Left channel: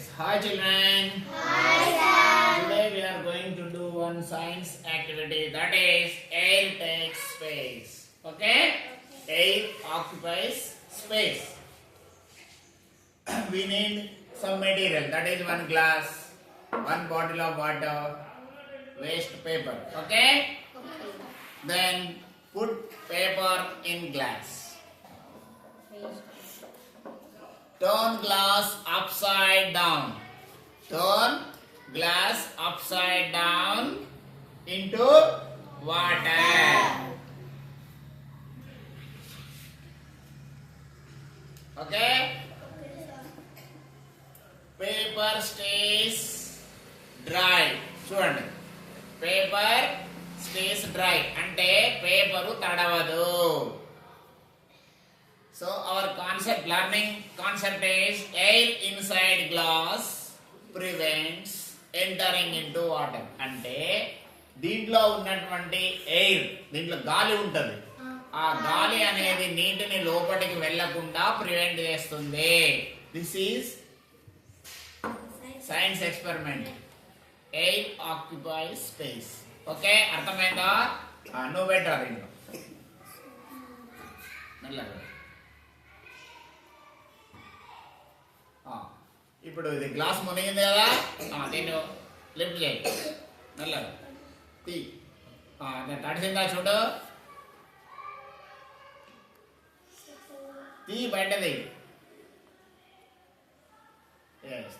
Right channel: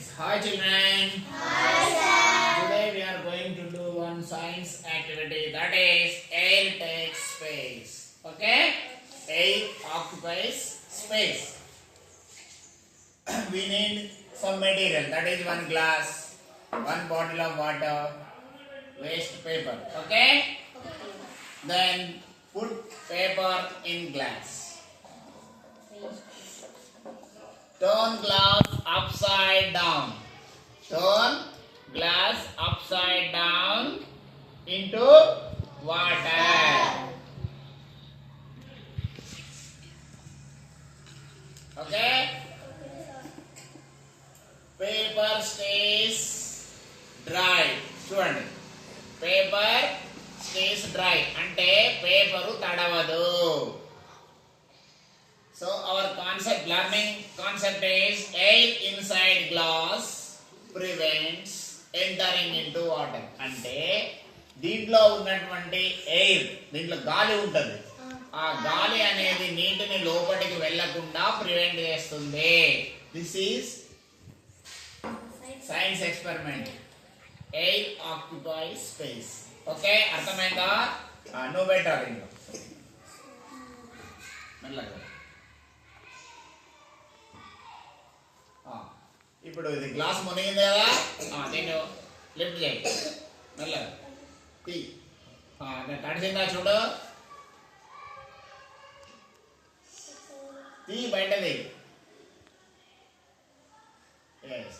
Yes. Hi children. Hi sir. Today we are going to do one science activity, that is air takes space. Okay? Air occupies space. We need some material, that is one glass, one bottle of water, waste paper. Okay? Then put paper in glass. Turn glass upside down. Turn glass upside down into water. Okay? Paper stays dry. చూడండి, paper stays dry అంటే paper తడవదు. So our learning concept is air inside glass prevents entering into water. అంటే దీంట్లో ఉన్నటువంటి air, దీంట్లో గాలి ఉంటుంది, ఆ గాలి అనేది నీటిని లోపలికి వెళ్ళకుండా ప్రివెంట్ చేస్తుంది. This is science experiment. Air occupies space. Okay, అర్థమైందా? నువ్వు పెట్టాలి దీంట్లో మెల్లగా. ఇప్పుడు ఇది గ్లాస్ మునిగింది కదా, దీన్ని లిఫ్ట్ చేయి మెల్లగా, తీ. తడిసిందా చూడు, తీ బయటది.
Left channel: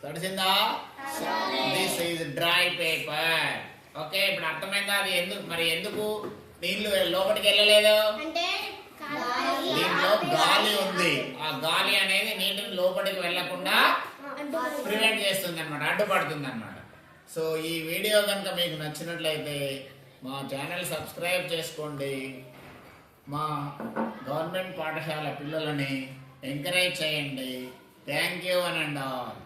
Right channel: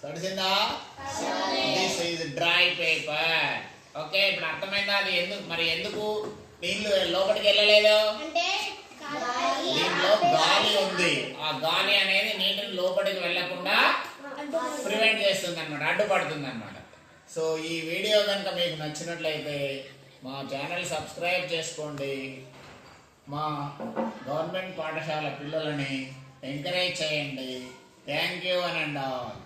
తడిసిందా? This is dry paper. Okay, ఇప్పుడు అర్థమైందా? అది ఎందుకు నీళ్లు లోపలికి వెళ్ళలేదు? దీంట్లో గాలి ఉంది, ఆ గాలి అనేది నీటిని లోపలికి వెళ్ళకుండా ప్రివెంట్ చేస్తుంది అనమాట, అడ్డుపడుతుంది అనమాట. సో ఈ వీడియో కనుక మీకు నచ్చినట్లయితే మా ఛానల్ సబ్స్క్రైబ్ చేసుకోండి. మా గవర్నమెంట్ పాఠశాల పిల్లలని ఎంకరేజ్ చేయండి. థ్యాంక్ యూ అని అండ్ ఆల్.